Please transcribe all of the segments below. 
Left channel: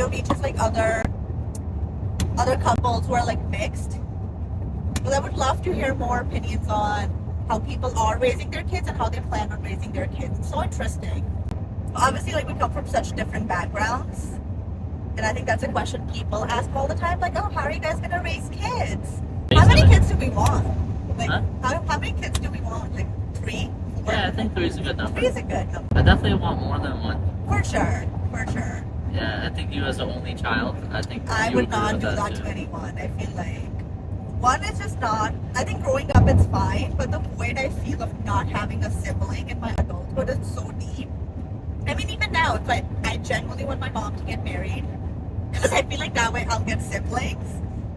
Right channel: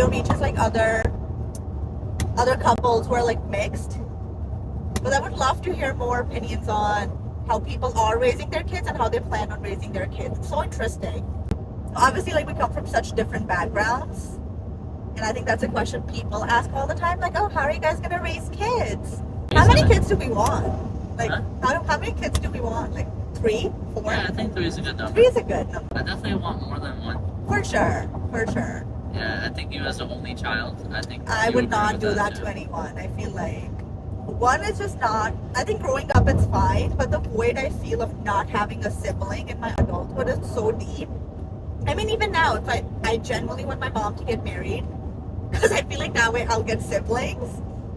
video reaches like other couples who are like mixed. But I would love to hear more opinions on how people are raising their kids and how they plan on raising their kids. It's so interesting. Obviously, like, we come from such different backgrounds, and I think that's a question people ask all the time, like, oh, how are you guys gonna raise kids? How many kids do we want? Like, how many kids do we want? Like 3, 4? Yeah, I think 3 is a good number. 3 is a good number. I definitely want more than 1. For sure. Yeah, I think you as an only child, I would not do that to anyone. I feel like 1 is just not, I think growing up it's fine, but the void I feel of not having a sibling in my adulthood is so deep. I mean, even now, if I genuinely want my mom to get married, because I feel like that way I'll get siblings,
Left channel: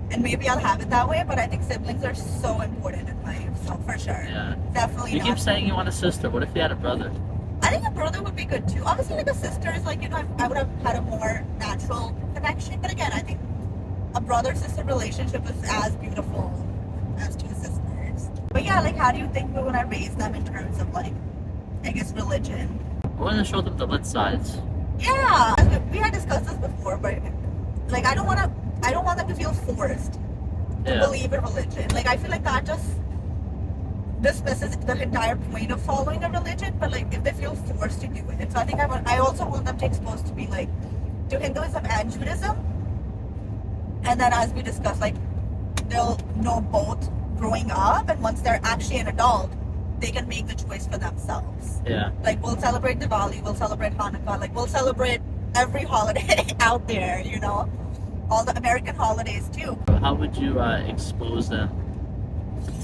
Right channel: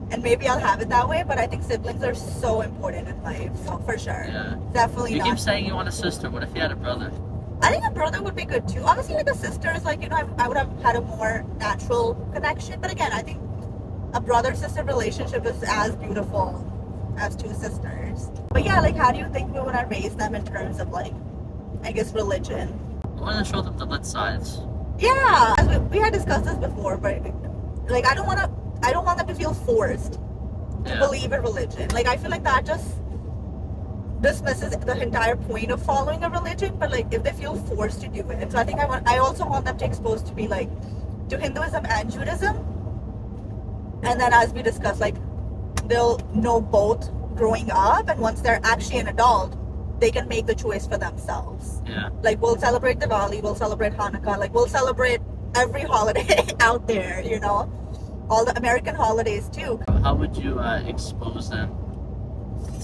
and maybe I'll have it that way, but I think siblings are so important in life, so for sure. Yeah. Definitely You not. keep saying you want a sister. What if you had a brother? I think a brother would be good too. Obviously, like a sister is like, I would have had a more natural connection, but again, I think a brother-sister relationship is as beautiful as 2 sisters. But yeah, like, how do you think we want to raise them in terms of, like, I guess, religion? I want to show them the lit sides. Yeah, we had discussed this before, but like, I don't want them to feel forced to believe in religion. Like, I feel like that just dismisses the entire point of following a religion. But like, if they feel forced to do it, so I think I also want them to expose to be like to Hinduism and Judaism, and then as we discussed, like, they'll know both growing up, and once they're actually an adult, they can make the choice for themselves. Yeah. Like, we'll celebrate Diwali, we'll celebrate Hanukkah, like, we'll celebrate every holiday out there, all the American holidays too. How would you expose them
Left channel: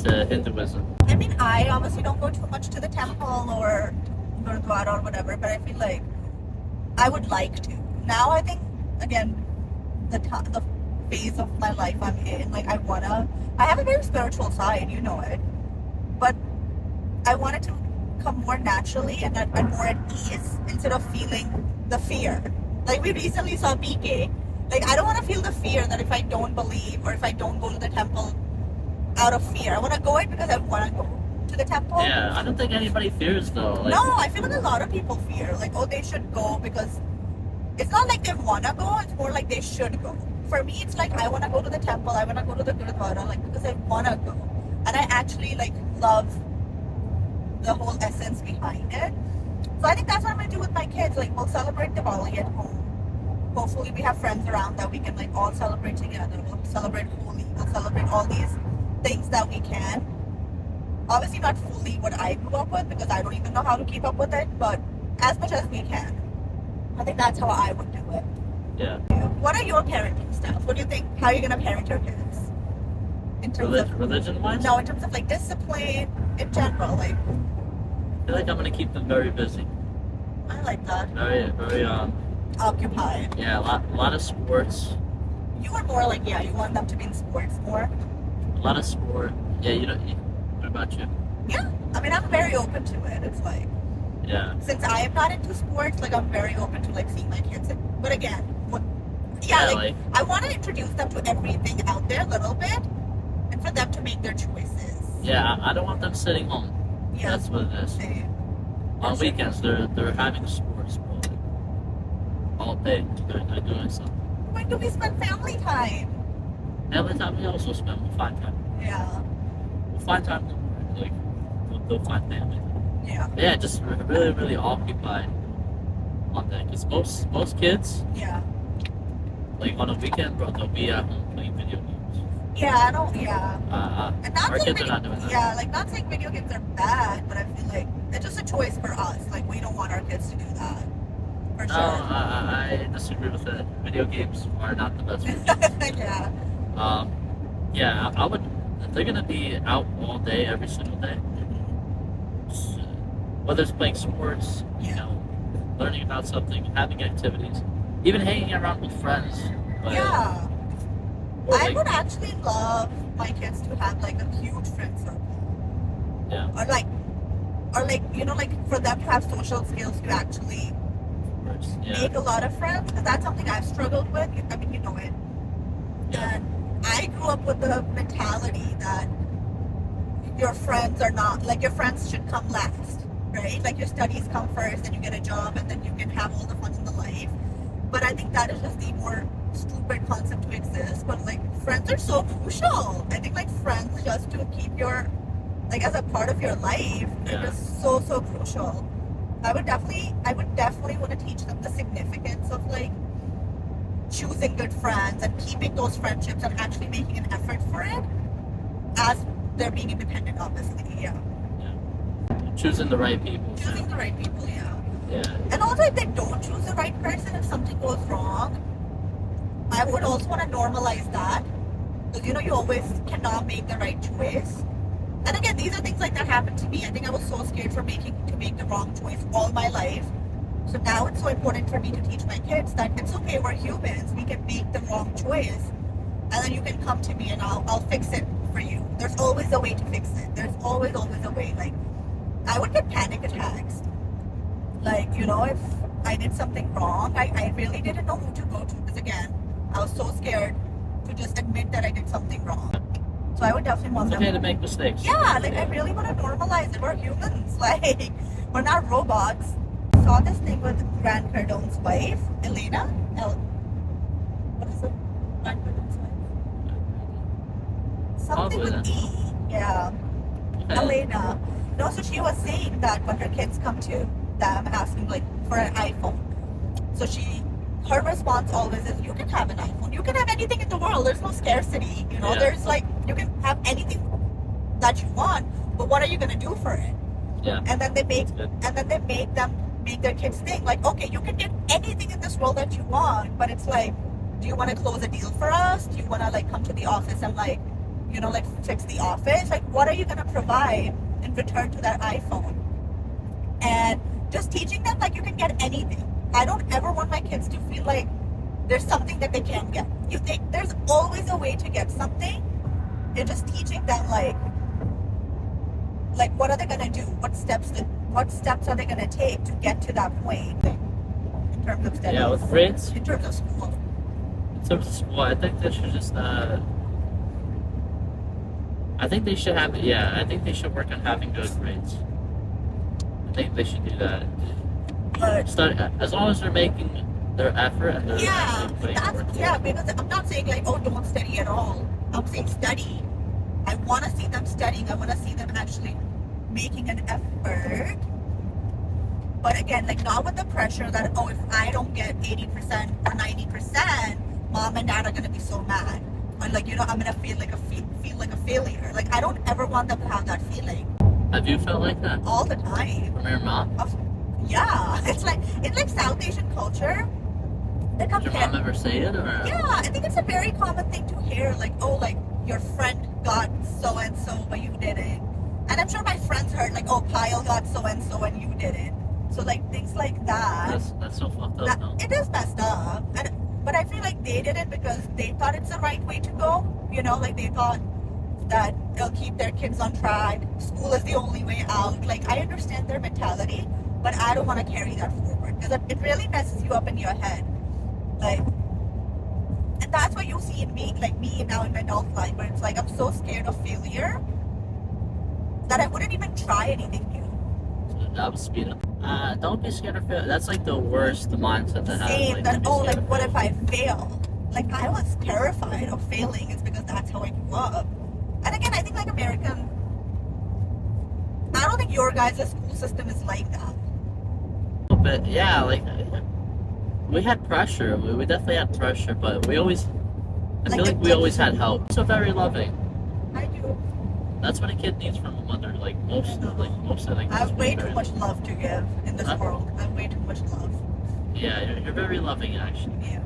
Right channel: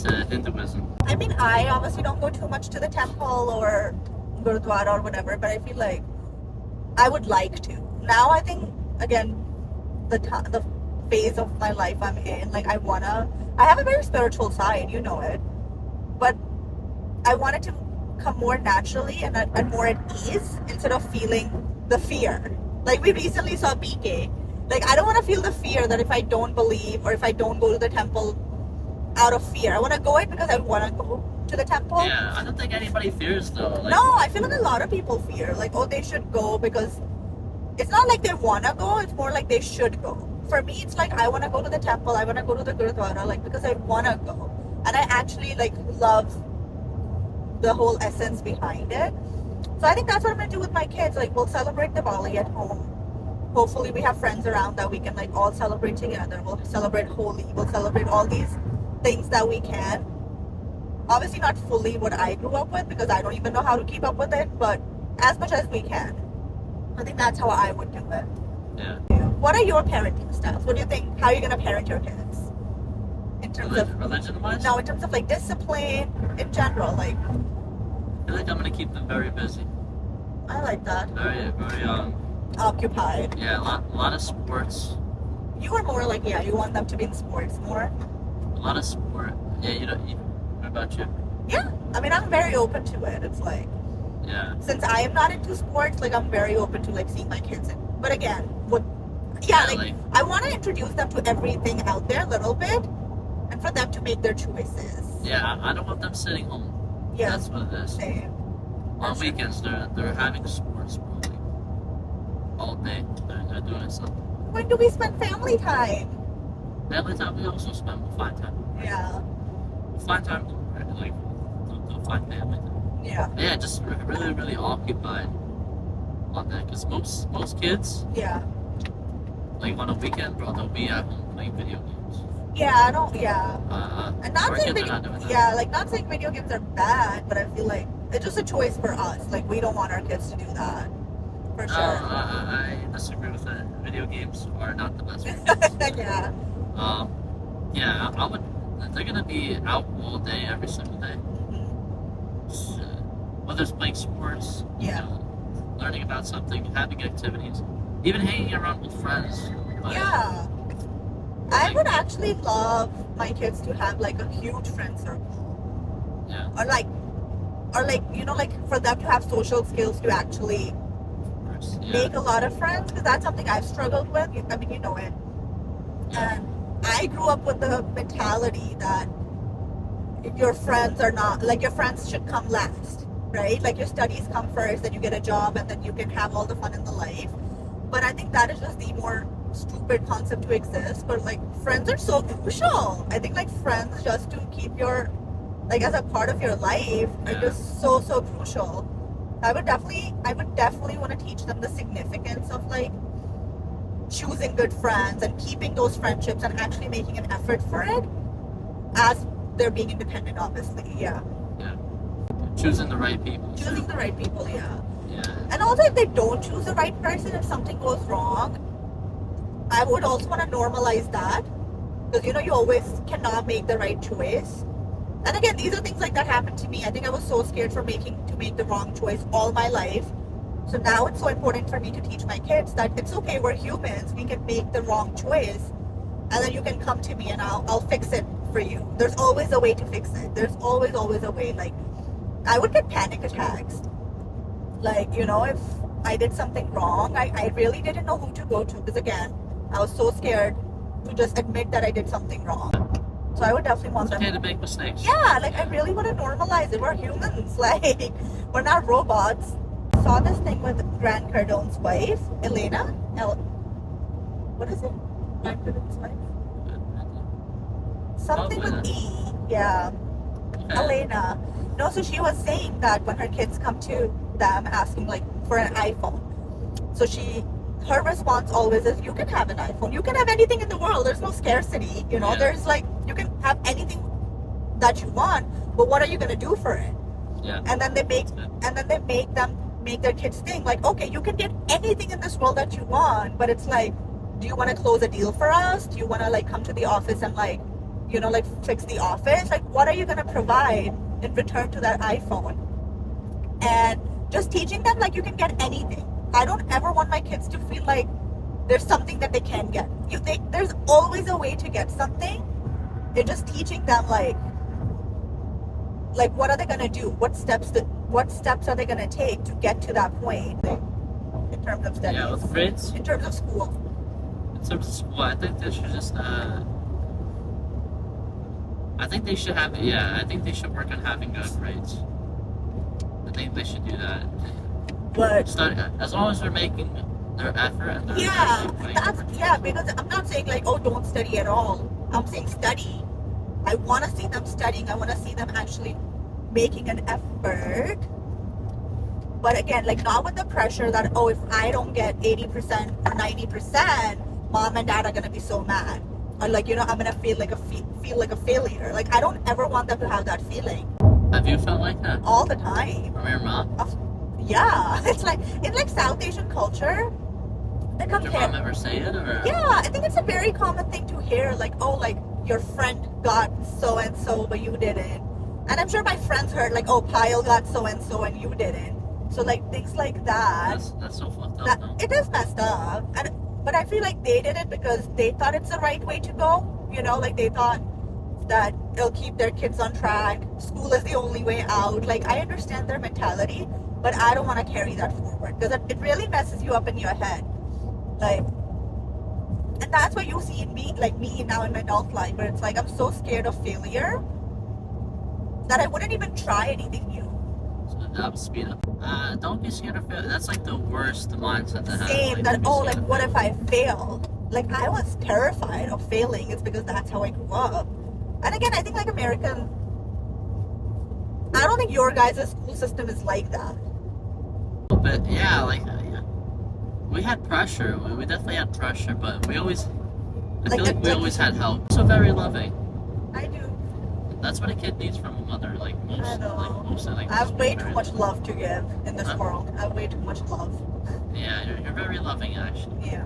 to Hinduism? I mean, I obviously don't go too much to the temple or Gurdwara or whatever, but I feel like I would like to. Now I think, again, the phase of my life I'm in, like, I have a very spiritual side, it, but I want it to come more naturally and more at ease instead of feeling the fear. Like, we recently saw BK. Like, I don't want to feel the fear that if I don't believe or if I don't go to the temple out of fear. I want to go it because I want to go to the temple. Yeah, I don't think anybody fears though. Like, no, I feel like a lot of people fear. Like, oh, they should go because it's not like they want to go. It's more like they should go. For me, it's like I want to go to the temple. I want to go to the Gurdwara, like, because I want to go. And I actually, like, love the whole essence behind it. So I think that's what I'm going to do with my kids. Like, we'll celebrate Diwali at home. Hopefully we have friends around that we can, like, all celebrate together. We'll celebrate Holi. We'll celebrate all these things that we can. Obviously not fully what I grew up with, because I don't even know how to keep up with it, but as much as we can. I think that's how I would do it. Yeah. What are your parenting styles? What do you think? How are you going to parent your kids? In terms of religion-wise? No, in terms of, like, discipline, in general, like. I feel like I'm gonna keep them very busy. I like that. Very occupied. Yeah, a lot of sports. You are more like, you want them to be in sports more. A lot of sport. Yeah, what about you? Yeah, I mean, I'm very open to it. It's like, yeah. Since I am not into sports, like, I'm very open to, like, seeing my kids in. But again, I want to introduce them to everything out there a little bit, and for them to make their choices. Yeah, I don't want them sitting home. Yeah, that's what it is. Same. On weekends, they're having sports, bro. Like, all day, they're doing something. When do we spend family time? Family time, we also spend. We'll find time. Yeah. We'll find time. Like, they'll find family time. Yeah. Yeah, just really, really occupied on that. Because most kids. Yeah. Like, on a weekend, bro, they'll be at home playing video games. Yeah, I don't. Yeah. And our kids are not doing that. Yeah, like, not saying video games are bad, but I feel like it's just a choice for us. Like, we don't want our kids to do that. For sure. I disagree with that. Video games are not the best. Yeah. Yeah, I would. They're gonna be out all day, every single day. So, whether it's playing sports, learning about something, having activities, even hanging around with friends. Yeah. I would actually love my kids to have, like, a huge friend circle. Yeah. Or like, like, for them to have social skills to actually make a lot of friends, because that's something I've struggled with. I mean, you know it. Yeah. And I grew up with the mentality that your friends are not, like, your friends should come last, right? Like, your studies come first, then you get a job, and then you can have all the fun in the life. But I think that is just the more stupid concept to exist, but like friends are so crucial. I think like friends just to keep your like as a part of your life are just so crucial. I would definitely want to teach them the significance of like choosing good friends and keeping those friendships and actually making an effort for it as they're being independent, obviously. Yeah. Choosing the right people. Choosing the right people, yeah. Yeah. And also, if they don't choose the right person, if something goes wrong, I would also want to normalize that, because you always cannot make the right choice. And again, these are things like that happened to me. I think I was so scared to make the wrong choice all my life. So now it's so important for me to teach my kids that it's okay. We're humans. We can make the wrong choice, and then you can come to me and I'll fix it for you. There's always a way to fix it. There's always a way. Like, I would get panic attacks. Like, if I did something wrong, I really didn't know who to go to, because again, I was so scared to just admit that I did something wrong. So I would definitely want them. It's okay to make mistakes. Yeah, I really want to normalize it. We're humans. Like, we're not robots. I saw this thing with Grant Cardone's wife, Elena. What is it? Grant Cardone's wife? Something with E. Yeah. Elena. No, so she was saying that when her kids come to them asking like for an iPhone, so her response always is, you can have an iPhone, you can have anything in the world, there's no scarcity, there's like, you can have anything that you want, but what are you going to do for it? And then they make their kids think like, okay, you can get anything in this world that you want, but it's like, do you want to close a deal for us? Do you want to like come to the office and like fix the office? Like, what are you going to provide in return to that iPhone? And just teaching them like you can get anything. I don't ever want my kids to feel like there's something that they can't get. There's always a way to get something. You're just teaching them like what are they gonna do? What steps are they gonna take to get to that point in terms of studies? Yeah, with grades. In terms of school. In terms of school, I think they should just. I think they should have. Yeah, I think they should work on having good grades. I think they should do that. But as long as they're making their effort and they're actually putting work. Yeah, because I'm not saying like, oh, don't study at all. I'm saying study. I want to see them studying. I want to see them actually making an effort. But again, like not with the pressure that, oh, if I don't get 80% or 90%, mom and dad are gonna be so mad. Or like, I'm gonna feel like a failure. Like, I don't ever want them to have that feeling. Have you felt like that? All the time. From your mom? Yeah. It's like, in like South Asian culture, did your mom ever say it? Or? Yeah, I think it's a very common thing to hear. Like, oh, like your friend got so-and-so, but you didn't. And I'm sure my friends heard like, oh, Payal got so-and-so and you didn't. So like things like that. That's so fucked up. No? It is messed up. But I feel like they did it because they thought it's the right way to go. Like they thought that it'll keep their kids on track. School is the only way out. Like, I understand their mentality, but I don't want to carry that forward because it really messes you up in your head. Like, and that's what you see in me, like me now in my adult life, but it's like I'm so scared of failure that I wouldn't even try anything new. So that was speed up. Don't be scared of failure. That's like the worst mindset to have. Same, like, what if I fail? Like, I was terrified of failing. It's because that's how I grew up. And again, I think like American, I don't think your guys' school system is like that. But yeah, we had pressure. We definitely had pressure, but we always, I feel like we always had help. So very loving. I do. That's what a kid needs from a mother. Like most of the I have way too much love to give in this world. I have way too much love. Yeah, you're very loving, actually. Yeah.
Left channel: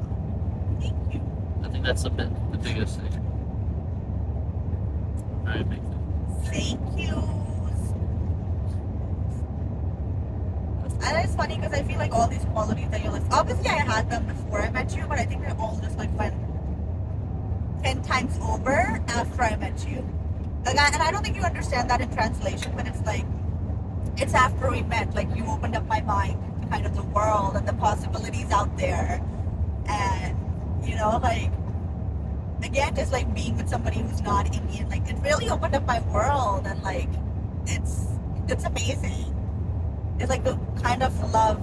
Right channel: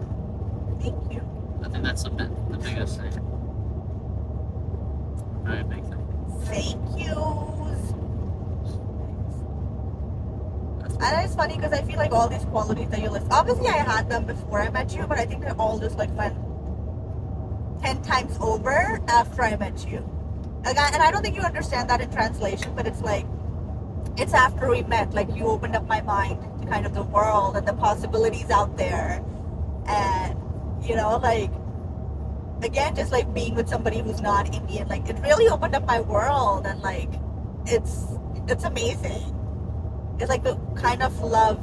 Thank you. I think that's the biggest thing. Very big thing. Thank you. And it's funny because I feel like all these qualities that you list, obviously I had them before I met you, but I think they're all just like went 10 times over after I met you. And I don't think you understand that in translation, but it's like, it's after we met, like you opened up my mind to kind of the world and the possibilities out there. And, like, again, just like being with somebody who's not Indian, like it really opened up my world, and like, it's amazing. It's like the kind of love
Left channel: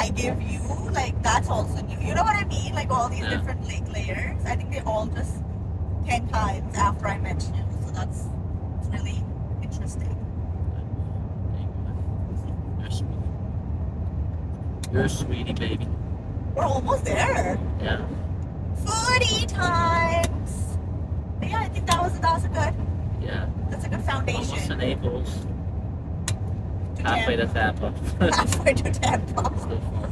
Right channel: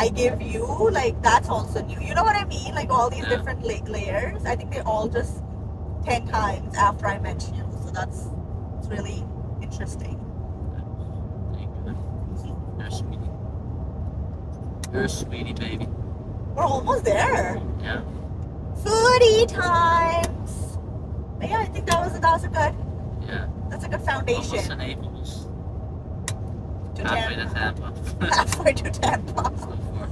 I give you, like that's also new. You know what I mean? Like all these Yeah. different layers. I think they all just 10 times after I met you. So it's really interesting. Thank you. You're a sweetie. You're a sweetie, baby. We're almost there. Yeah. Foodie times. But yeah, I think that was a good. Yeah. That's a good Almost foundation. to Naples. To Halfway to Tampa. Tampa. Halfway to Tampa. So far.